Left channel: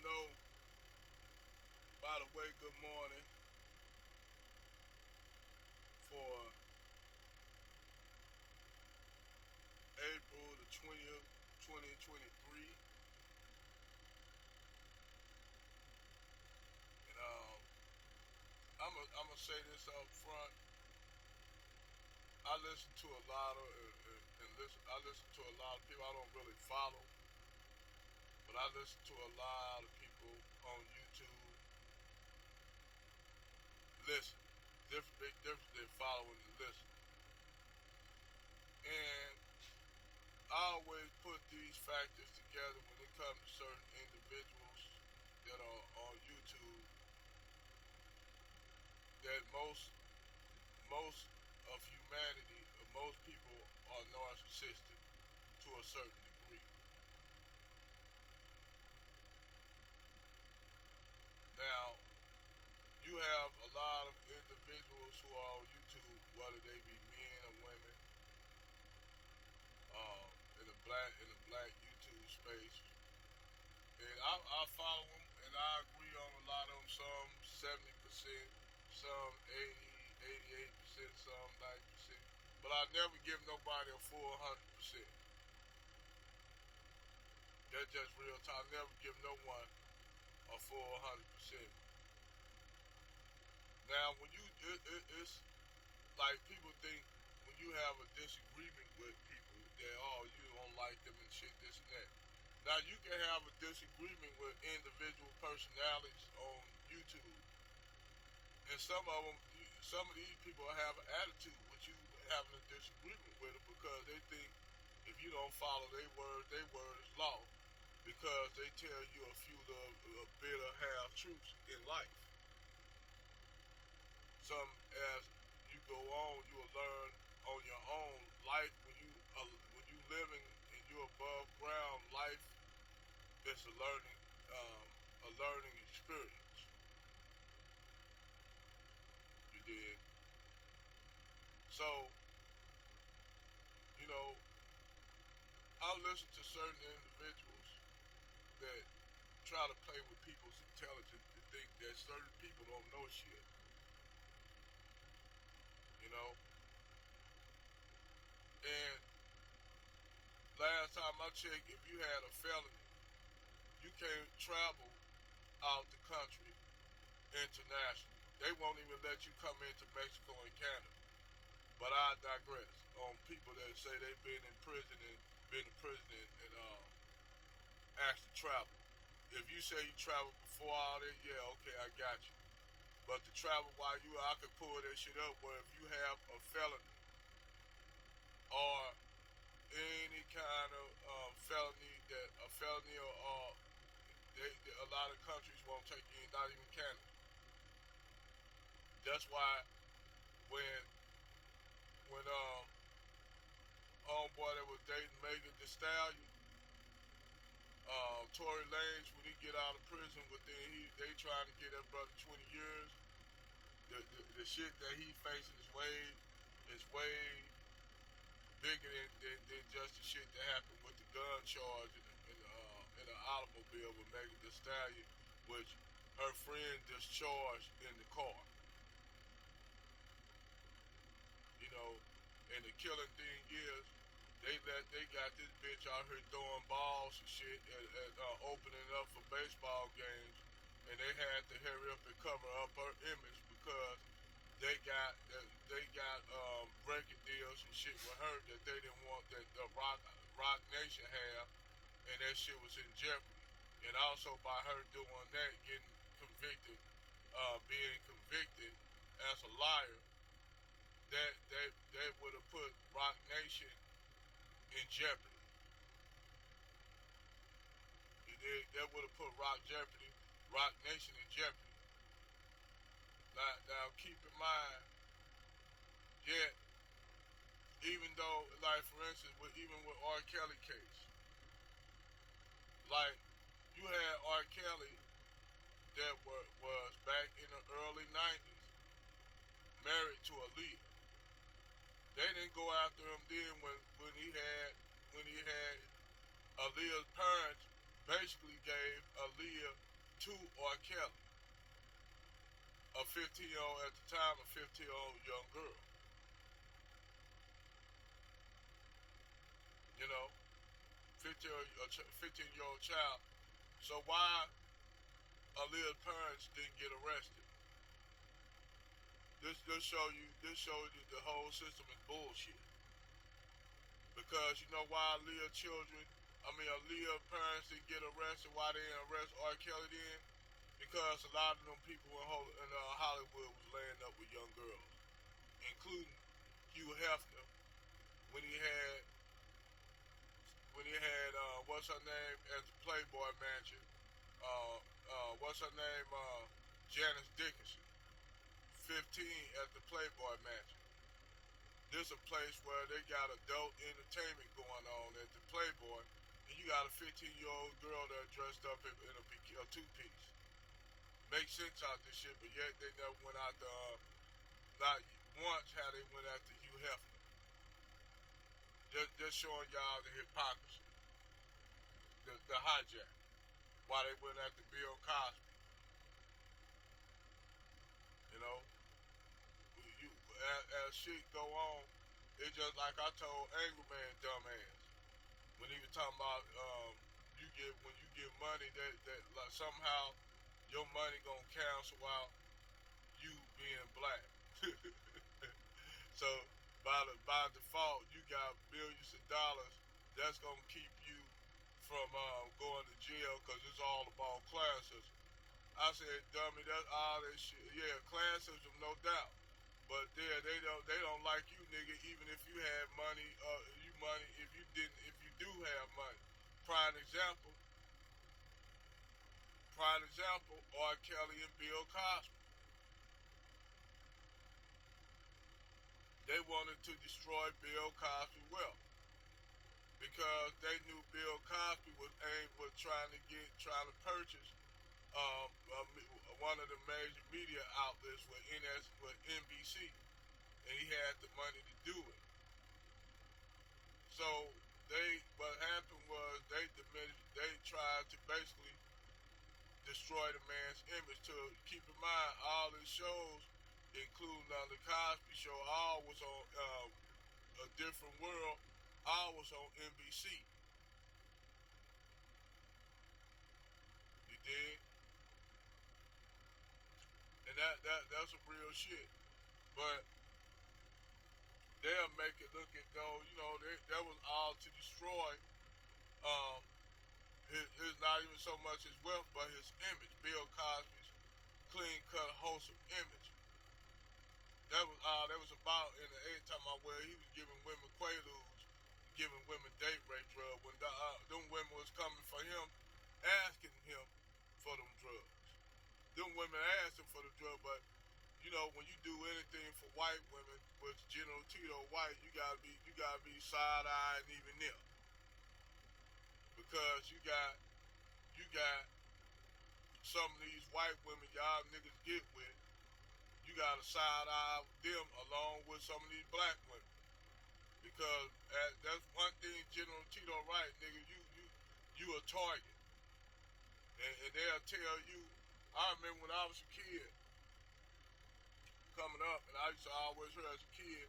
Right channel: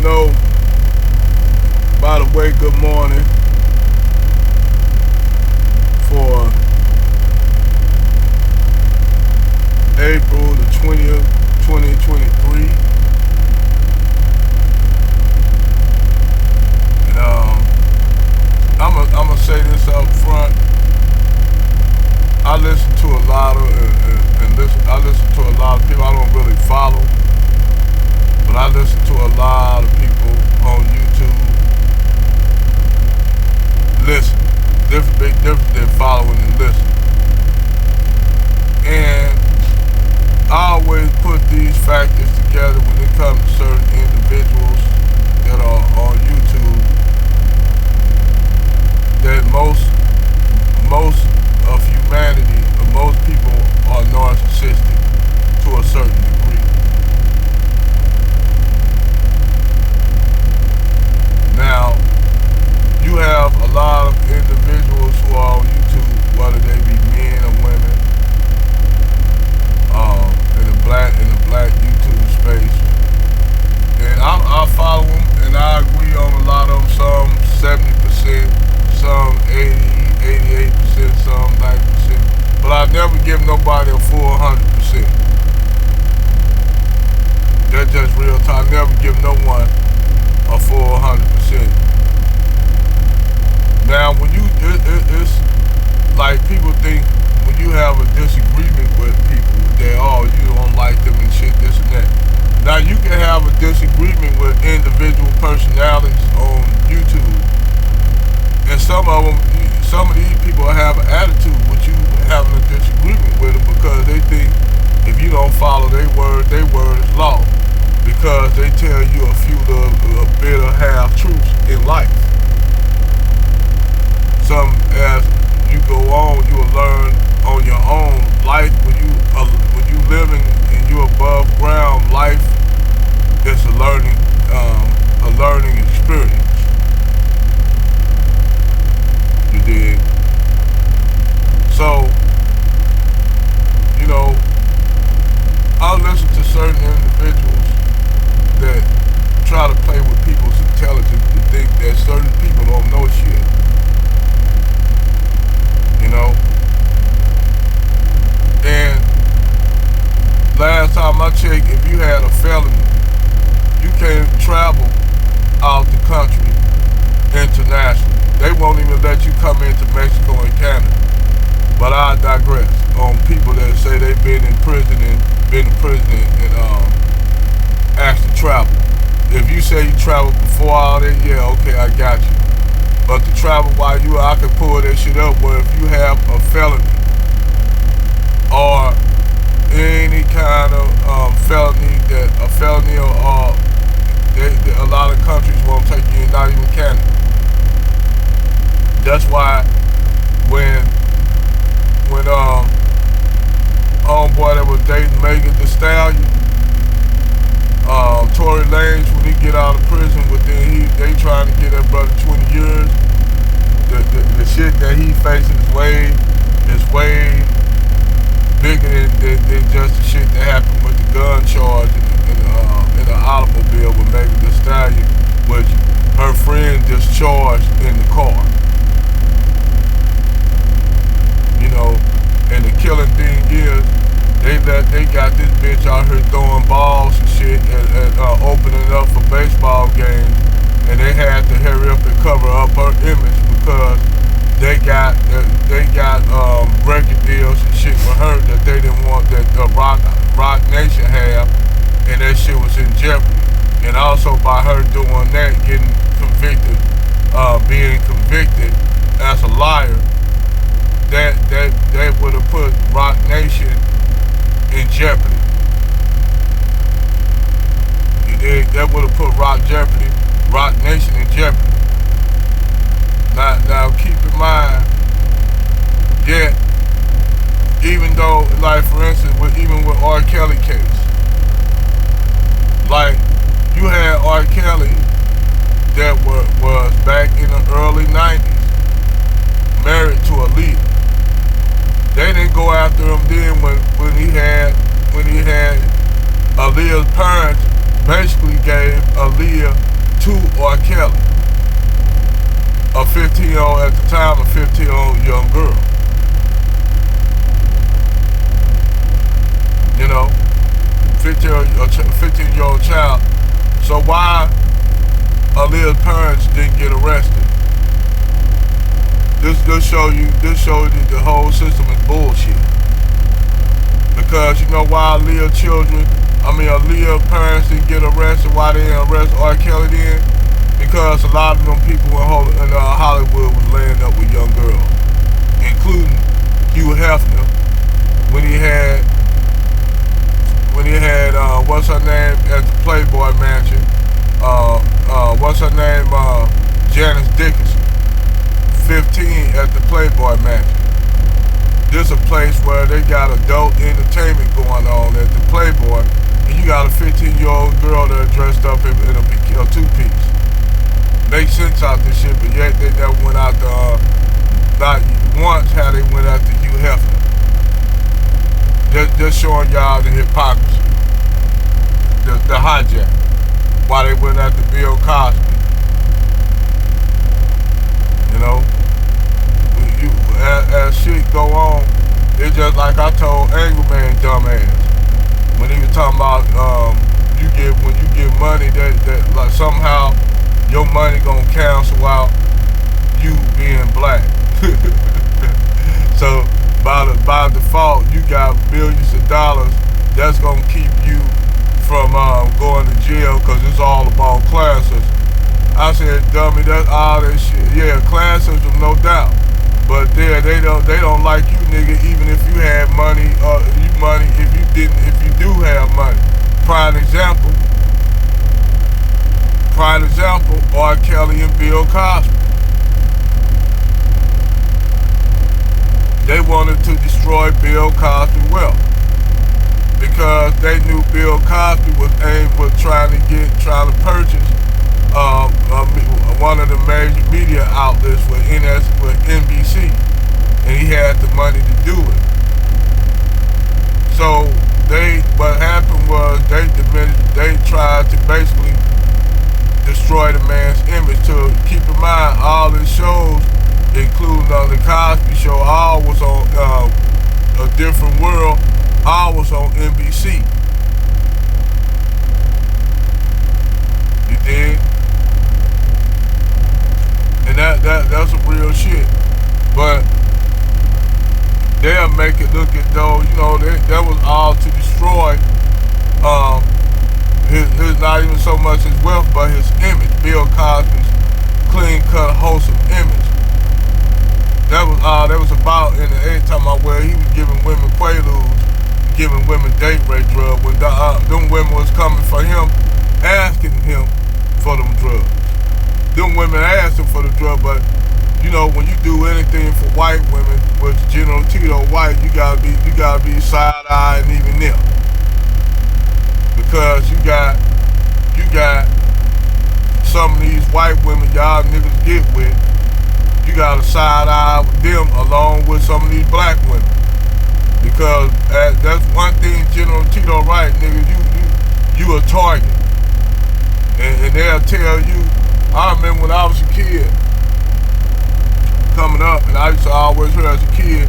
don't know, by the way, good morning for April the 20th, 2023. And I'm gonna say this up front. I listen to a lot of I listen to a lot of people I don't really follow, but I listen to a lot of people on YouTube. Listen, big difference than following and listening. And I always put these factors together when it comes to certain individuals that are on YouTube. That most of humanity, or most people, are narcissistic to a certain degree. Now, you have a lot of individuals who are on YouTube, whether they be men or women, in the black YouTube space, and I follow them, and I agree on a lot of them. Some 70%, some 80, 88%, some 90%, but I never give nobody a full 100%. That's just real time. I never give no one a full 100%. Now, when you, it's like people think when you have a disagreement with people that, oh, you don't like them and shit, this and that. Now, you can have a disagreement with individual personalities on YouTube, and some of these people have an attitude with you having a disagreement with them because they think if you don't follow their word is law, because they tell you a bit of half truths in life. Some, as you go on, you will learn on your own. Life, when you living and you above ground, life is a learning experience. You dig? So, I listen to certain individuals that try to play with people's intelligence to think that certain people don't know shit. And last time I checked, if you had a felony, you can't travel out the country internationally. They won't even let you come into Mexico and Canada. But I digress on people that say they've been in prison and asked to travel. If you say you traveled before all that, yeah, okay, I got you. But to travel while I can pull that shit up where if you have a felony or any kind of felony or a lot of countries won't take you in, not even Canada. That's why when homeboy that was dating Megan Thee Stallion, Tory Lanez, when he get out of prison, they trying to get that brother 20 years. The shit that he facing is way bigger than just the shit that happened with the gun charge in the automobile with Megan Thee Stallion, which her friend discharged in the car. And the killing thing is, they got this bitch out here throwing balls and shit and opening up for baseball games, and they had to hurry up and cover up her image because they got record deals and shit with her that they didn't want, that Rock Nation have, and that shit was in jeopardy. And also by her doing that, getting convicted, being convicted as a liar, that would have put Rock Nation in jeopardy. You dig? That would have put Rock Nation in jeopardy. Now keep in mind, yeah, even though, like for instance, even with R. Kelly case, like you had R. Kelly that was back in the early 90s, married to a leader. They didn't go after him then when he had Aaliyah's parents basically gave Aaliyah to R. Kelly, a 15-year-old at the time, a 15-year-old young girl. You know, 15-year-old child. So why Aaliyah's parents didn't get arrested? This show you the whole system is bullshit. Because you know why Aaliyah's parents didn't get arrested, why they didn't arrest R. Kelly then? Because a lot of them people in Hollywood was laying up with young girls, including Hugh Hefner when he had what's her name at the Playboy Mansion? What's her name? Janice Dickinson. 15 at the Playboy Mansion. This is a place where they got adult entertainment going on at the Playboy, and you got a 15-year-old girl that dressed up in a two-piece. Makes sense out this shit, but yet they never went out to, not once how they went out to Hugh Hefner. Just showing y'all the hypocrisy, the hijack, why they went out to Bill Cosby. You know, as shit go on, it's just like I told Angry Man dumbass when he was talking about when you get money that like somehow your money gonna cancel out you being black. So by default you got millions of dollars that's gonna keep you from going to jail because it's all about classism. I said, dummy, that's all that shit. Yeah, classism, no doubt. But they don't like you, nigga, even if you had money, if you do have money. Prime example, R. Kelly and Bill Cosby. They wanted to destroy Bill Cosby's wealth because they knew Bill Cosby was trying to purchase one of the major media outlets with NBC, and he had the money to do it. So what happened was they tried to basically destroy the man's image. To keep in mind, all his shows, including the Cosby Show, all was on A Different World, all was on NBC. You dig? And that's some real shit. But they'll make it look as though, you know, that was all to destroy his not even so much his wealth, but his image. Bill Cosby's clean-cut, wholesome image. That was all that was about in the age time where he was giving women quaaludes, giving women date rape drugs, when them women was coming for him, asking him for them drugs. Them women asked him for the drug, but you know, when you do anything for white women, with General Tito white, you gotta be side-eye and even them. Because you got some of these white women y'all niggas get with, you gotta side-eye with them along with some of these black women. Because that's one thing General Tito right, nigga, you a target. And they'll tell you, I remember when I was a kid, coming up, and I used to always hear as a kid,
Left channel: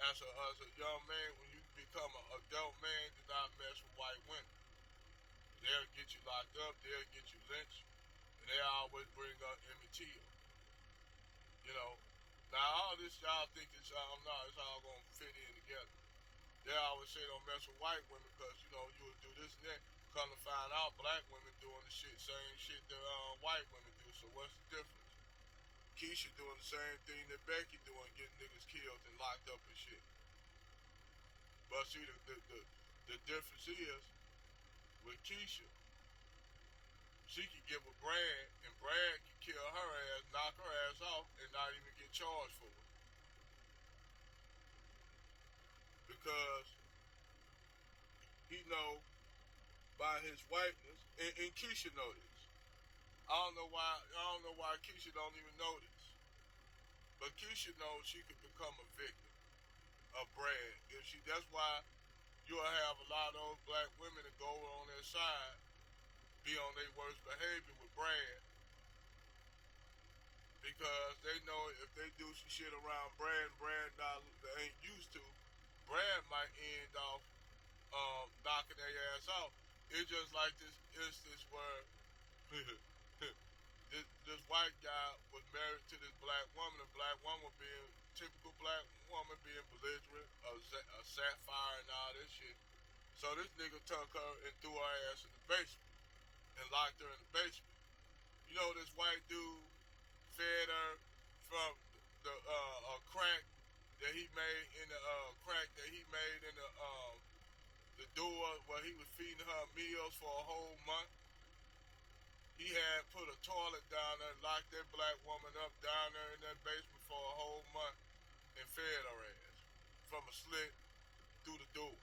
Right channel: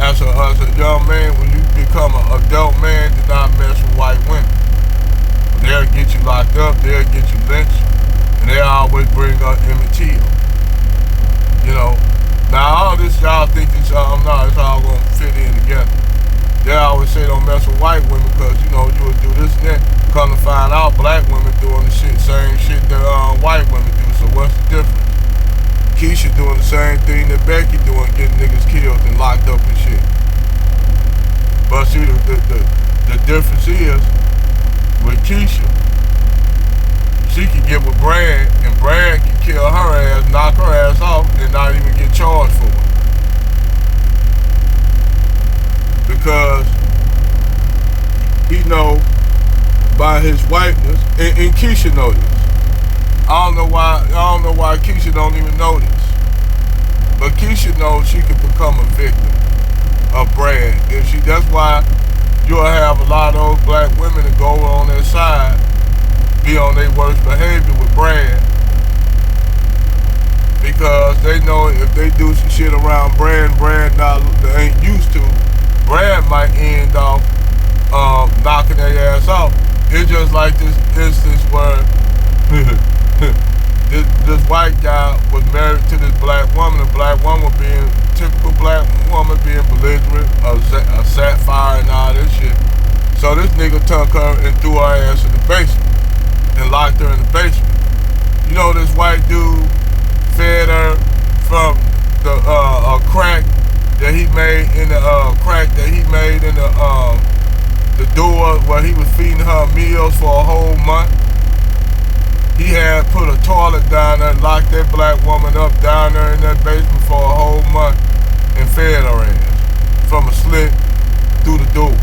as a young man, when you become an adult man, do not mess with white women. They'll get you locked up, they'll get you lynched, and they always bring up Emmett Till. You know, now all this y'all think it's all gonna fit in together. They always say don't mess with white women because, you know, you would do this and that. Come to find out, black women doing the same shit that white women do, so what's the difference? Keisha doing the same thing that Becky doing, getting niggas killed and locked up and shit. But see, the difference is, with Keisha, she can get with Brad, and Brad can kill her ass, knock her ass off, and not even get charged for it. Because he know by his whiteness, and Keisha know this. I don't know why Keisha don't even know this. But Keisha knows she could become a victim of Brad. That's why you'll have a lot of those black women that go on their side be on their worst behavior with Brad, because they know if they do some shit around Brad, they ain't used to, Brad might end off knocking their ass off. It's just like this instance where this white guy was married to this black woman. The black woman being typical black woman, being belligerent, a sapphire and all this shit. So this nigga took her and threw her ass in the basement and locked her in the basement. You know, this white dude fed her from the crack that he made in the door where he was feeding her meals for a whole month. He had put a toilet down there, locked that black woman up down there in that basement for a whole month and fed her ass from a slit through the door.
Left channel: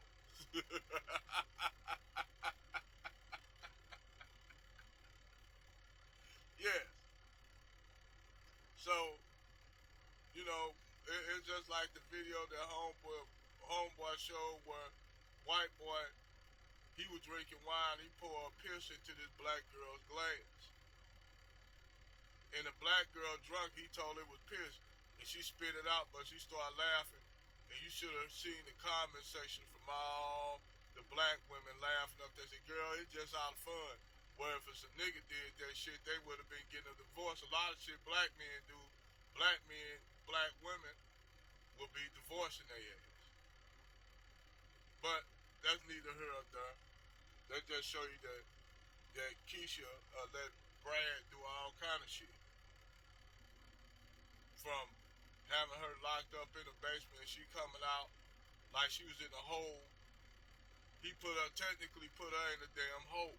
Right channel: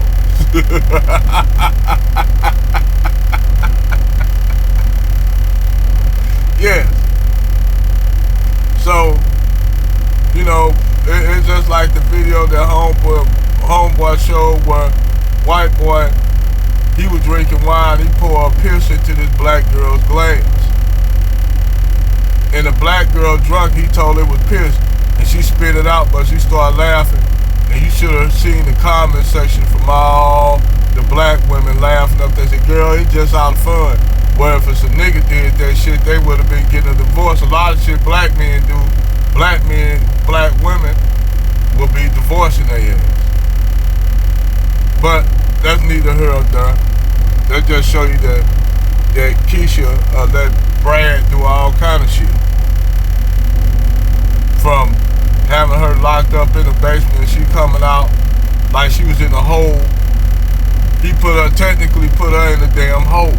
Yes. So, you know, it's just like the video that homeboy showed where white boy, he was drinking wine, he poured a piss into this black girl's glass. And the black girl drunk, he told her it was piss, and she spit it out, but she started laughing. And you should have seen the comment section from all the black women laughing up there. They said, girl, it's just out of fun. Where if it's a nigga did that shit, they would have been getting a divorce. A lot of shit black men do, black women will be divorcing their ass. But that's neither here nor there. That just show you that Keisha let Brad do all kind of shit. From having her locked up in the basement and she coming out like she was in a hole. He technically put her in the damn hole.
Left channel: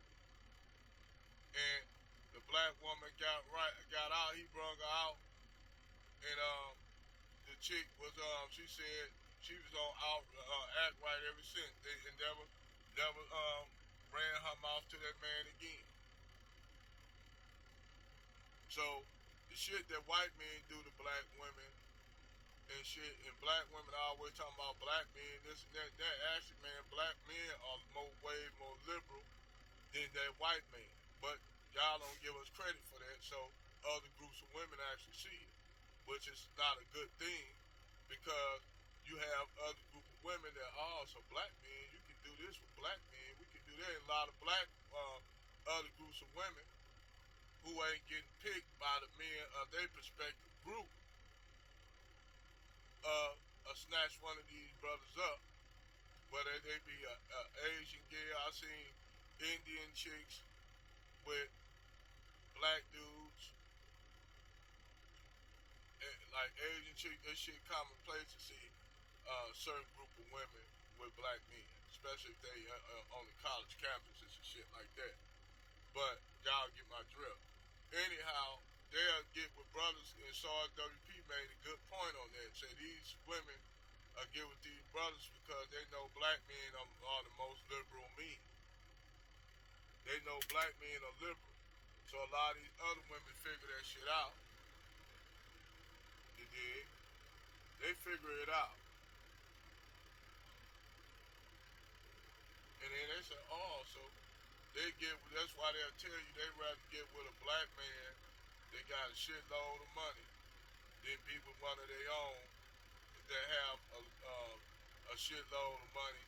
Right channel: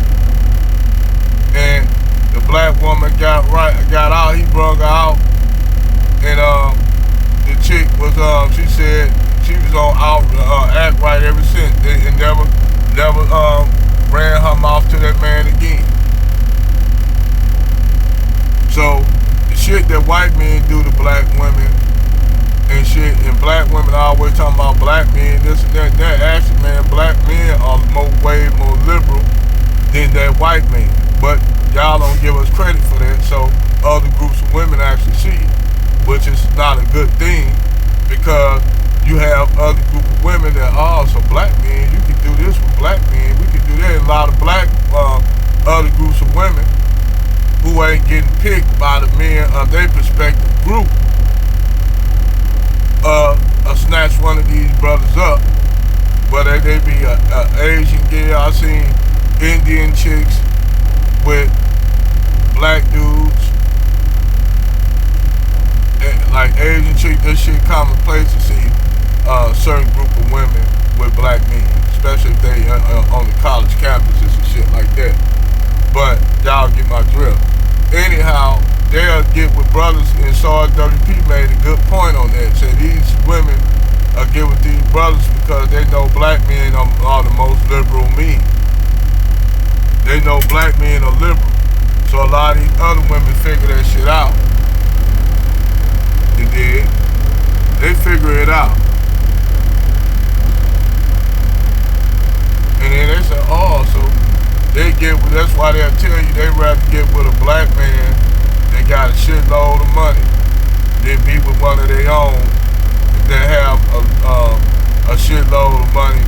And the black woman got out, he brought her out. And the chick was, she said she was on act right ever since. And never ran her mouth to that man again. So the shit that white men do to black women and shit, and black women always talking about black men, this and that. Actually, man, black men are way more liberal than that white man. But y'all don't give us credit for that, so other groups of women actually see it, which is not a good thing, because you have other group of women that, so black men, you can do this with black men, we can do that. And a lot of black other groups of women who ain't getting picked by the men of their respective group snatch one of these brothers up, whether they be a Asian girl. I seen Indian chicks with black dudes, like Asian chicks. This shit commonplace to see a certain group of women with black men, especially if they on the college campuses and shit like that. But y'all get my drift. Anyhow, they'll get with brothers, and Sarge WP made a good point on that. Said these women get with these brothers because they know black men are the most liberal men. They know black men are liberal. So a lot of these other women figure that shit out. They did. They figure it out. And then they say, so they get with, that's why they'll tell you they rather get with a black man that got a shitload of money than be with one of their own that have a shitload of money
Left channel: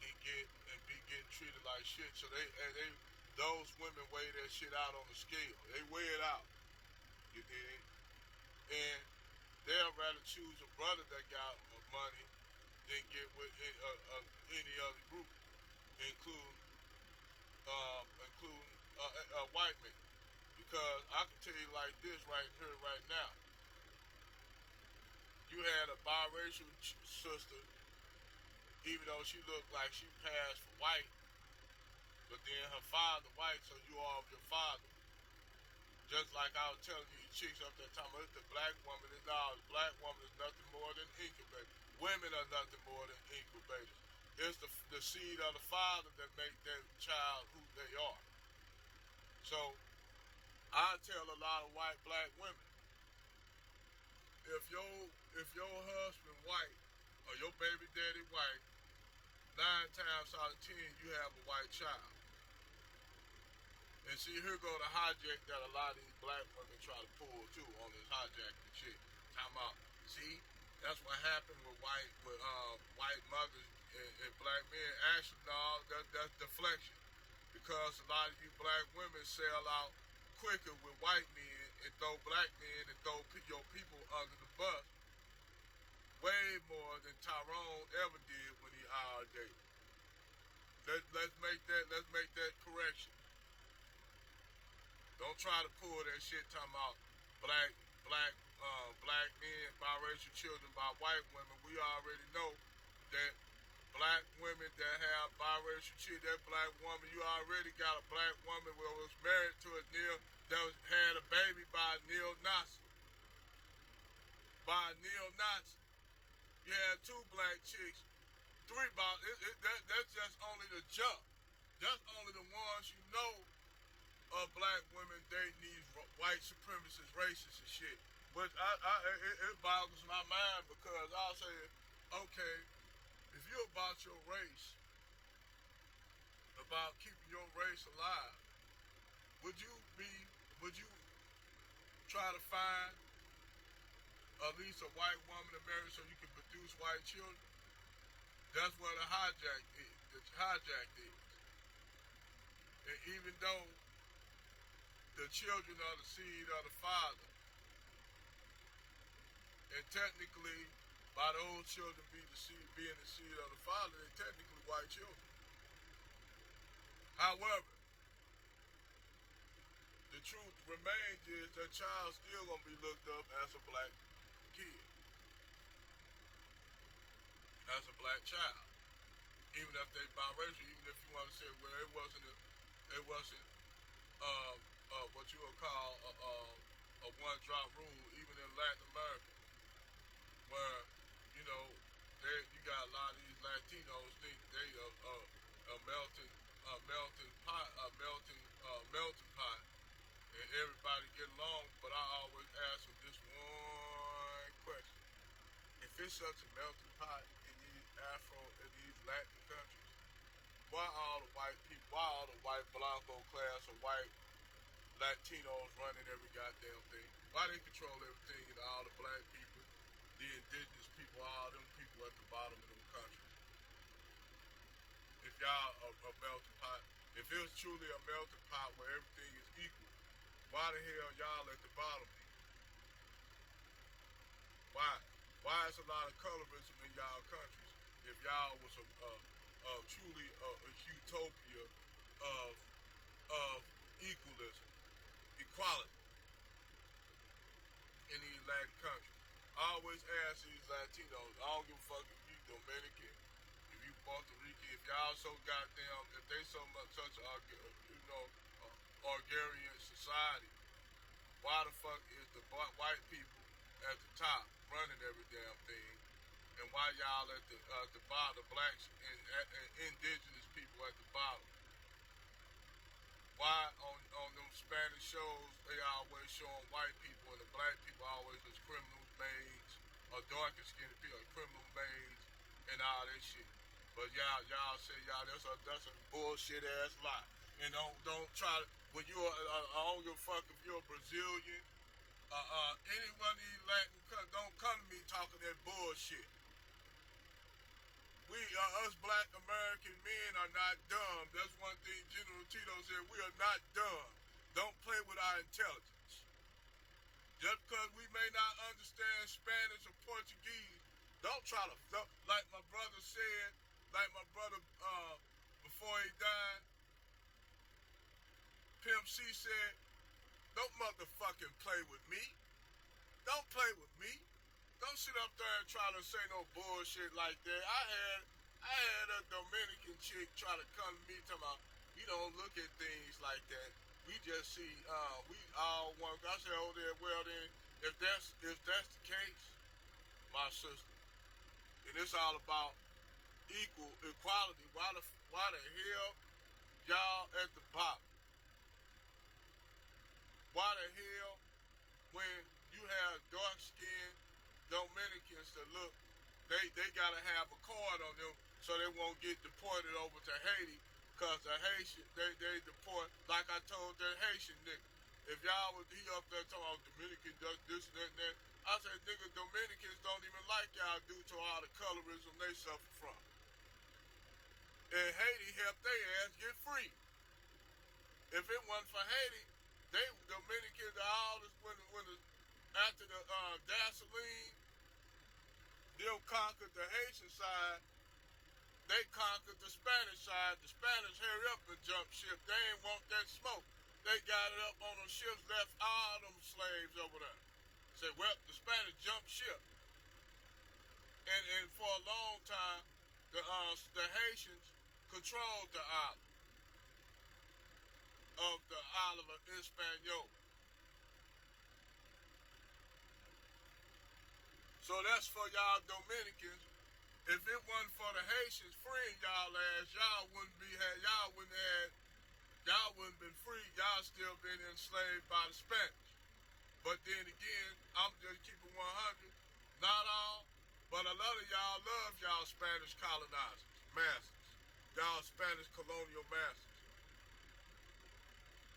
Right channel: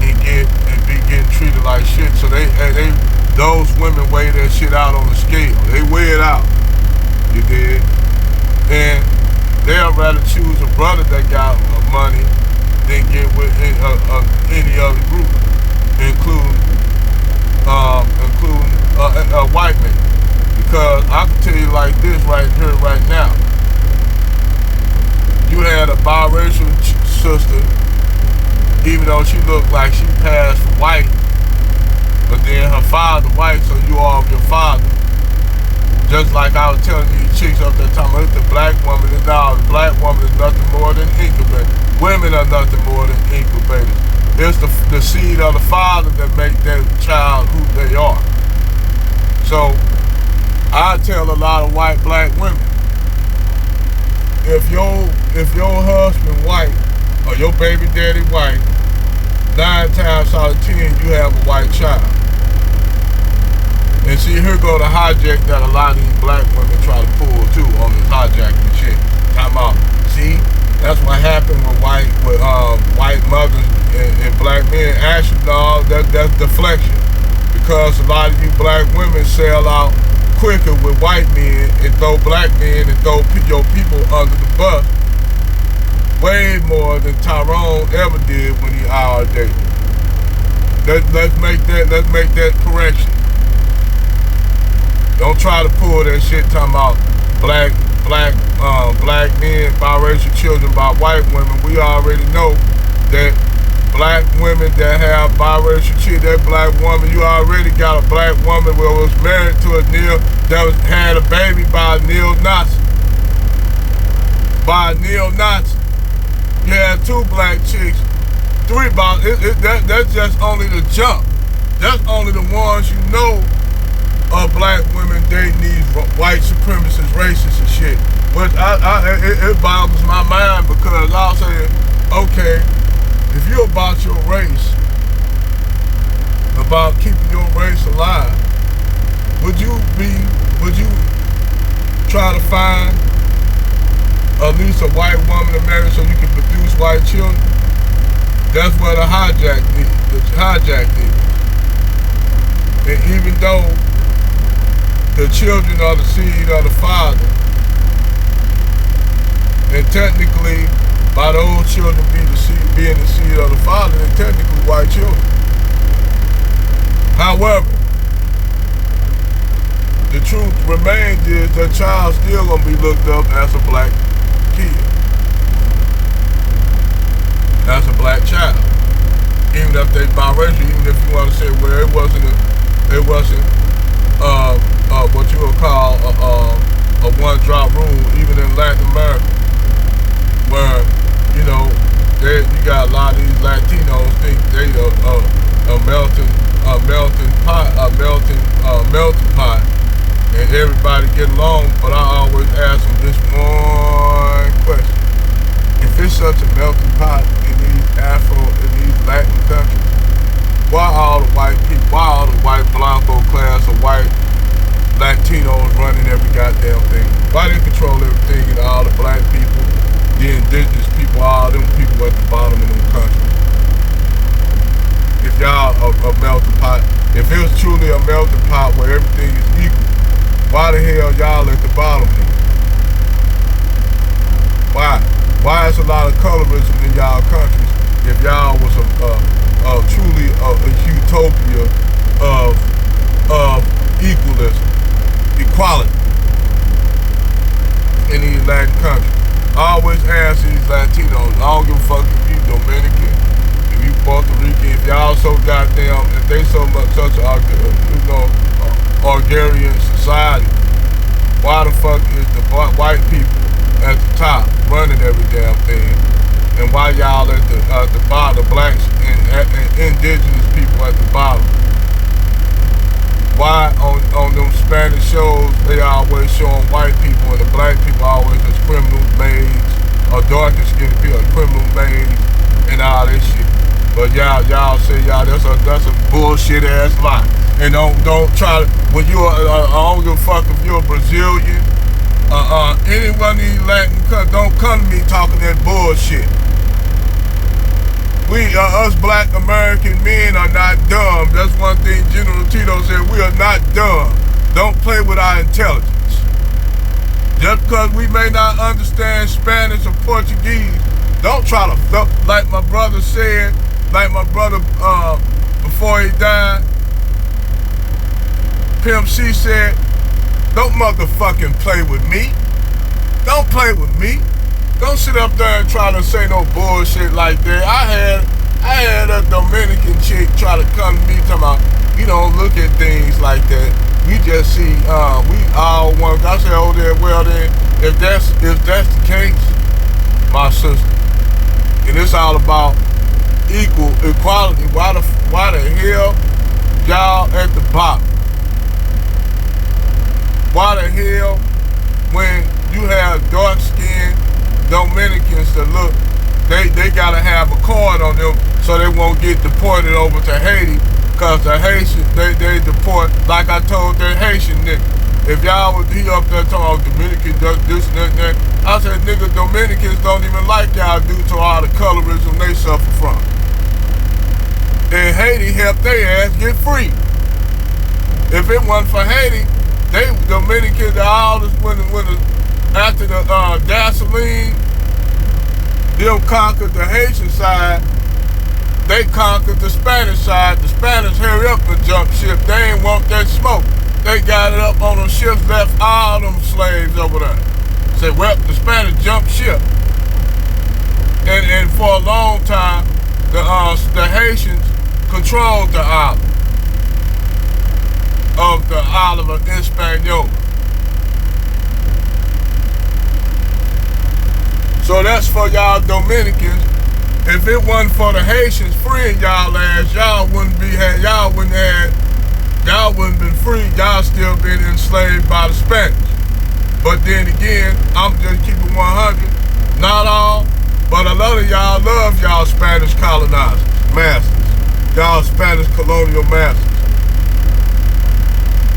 and be getting treated like shit. So those women weigh that shit out on the scale. They weigh it out. You did. And they'll rather choose a brother that got money than get with any other group, including a white man. Because I can tell you like this right here, right now. You had a biracial sister, even though she looked like she passed for white, but then her father white, so you are of your father. Just like I was telling these chicks up there talking about the black woman, and now the black woman is nothing more than incubator. Women are nothing more than incubators. It's the seed of the father that make that child who they are. So I tell a lot of white black women, if your husband white or your baby daddy white, 9 times out of 10 you have a white child. And And see, here go the hijack that a lot of these black women try to pull too on this hijacking shit. Time out. See, that's what happened with white mothers and black men. Actually, no, that's deflection. Because a lot of you black women sell out quicker with white men and throw black men and throw your people under the bus way more than Tyrone ever did when he IR dated. Let's make that correction. Don't try to pull that shit talking about black men, biracial children by white women. We already know that black women that have biracial children, that black woman, you already got a black woman that was married to had a baby by a neo-Nazi. By a neo-Nazi. You had 2 black chicks, 3 that's just only the jump. That's only the ones you know of black women dating these white supremacist racists and shit. But it boggles my mind because I'll say, okay, if you're about your race, about keeping your race alive, would you try to find at least a white woman to marry so you can produce white children? That's what a hijack did. And even though the children are the seed of the father, and technically, by those children being the seed of the father, they're technically white children. However, the truth remains is the child still gonna be looked up as a black kid, as a black child, even if they biracial. Even if you want to say, well, it wasn't what you would call a one-drop rule, even in Latin America, where you got a lot of these Latinos think they a melting pot, and everybody get along. But I always ask them this one question: if it's such a melting pot in these Latin countries, why all the white people, why all the white Blanco class or white Latinos running every goddamn thing? Why they control everything and all the black people, the indigenous people, all them people at the bottom of them countries? If y'all a melting pot, if it was truly a melting pot where everything is equal, why the hell y'all at the bottom then? Why? Why is a lot of colorism in y'all countries if y'all was truly a utopia of equality in these Latin countries? I always ask these Latinos, I don't give a fuck if you Dominican, if you Puerto Rican, if y'all so goddamn, if they so much such a Bulgarian society, why the fuck is the white people at the top running every damn thing, and why y'all at the bottom, the blacks and indigenous people at the bottom? Why on them Spanish shows they always showing white people and the black people always as criminal maids, or darker skinned people as criminal maids and all that shit? But y'all say that's a bullshit ass lie. And don't try to, when you I don't give a fuck if you're a Brazilian, any one of these Latin countries, don't come to me talking that bullshit. Us black American men are not dumb. That's one thing General Tito said, we are not dumb. Don't play with our intelligence. Just because we may not understand Spanish or Portuguese, don't try to, like my brother said, before he died, Pimp C said, don't motherfucking play with me. Don't play with me. Don't sit up there and try to say no bullshit like that. I had a Dominican chick try to come to me talking about, you don't look at things like that. We just see, we all want. I said, oh, well then, if that's the case, my sister, and it's all about equality, why the hell y'all at the bottom? Why the hell, when you have dark-skinned Dominicans that look, they gotta have a card on them so they won't get deported over to Haiti Cause the Haitians, they deport, like I told that Haitian nigga. If y'all was he up there talking about Dominican this and that, I said, nigga, Dominicans don't even like y'all due to all the colorism they suffer from. And Haiti helped their ass get free. If it wasn't for Haiti, Dominicans all this after the gasoline, them conquered the Haitian side. They conquered the Spanish side. The Spanish hurry up and jump ship. They ain't want that smoke. They got it up on them ships, left all them slaves over there. Said, well, the Spanish jumped ship. And for a long time, the Haitians controlled the island of the island of Hispaniola. So that's for y'all Dominicans. If it wasn't for the Haitians freeing y'all ass, y'all wouldn't been free. Y'all still been enslaved by the Spanish. But then again, I'm just keeping 100. Not all, but a lot of y'all love y'all Spanish colonizers, masters. Y'all Spanish colonial masters.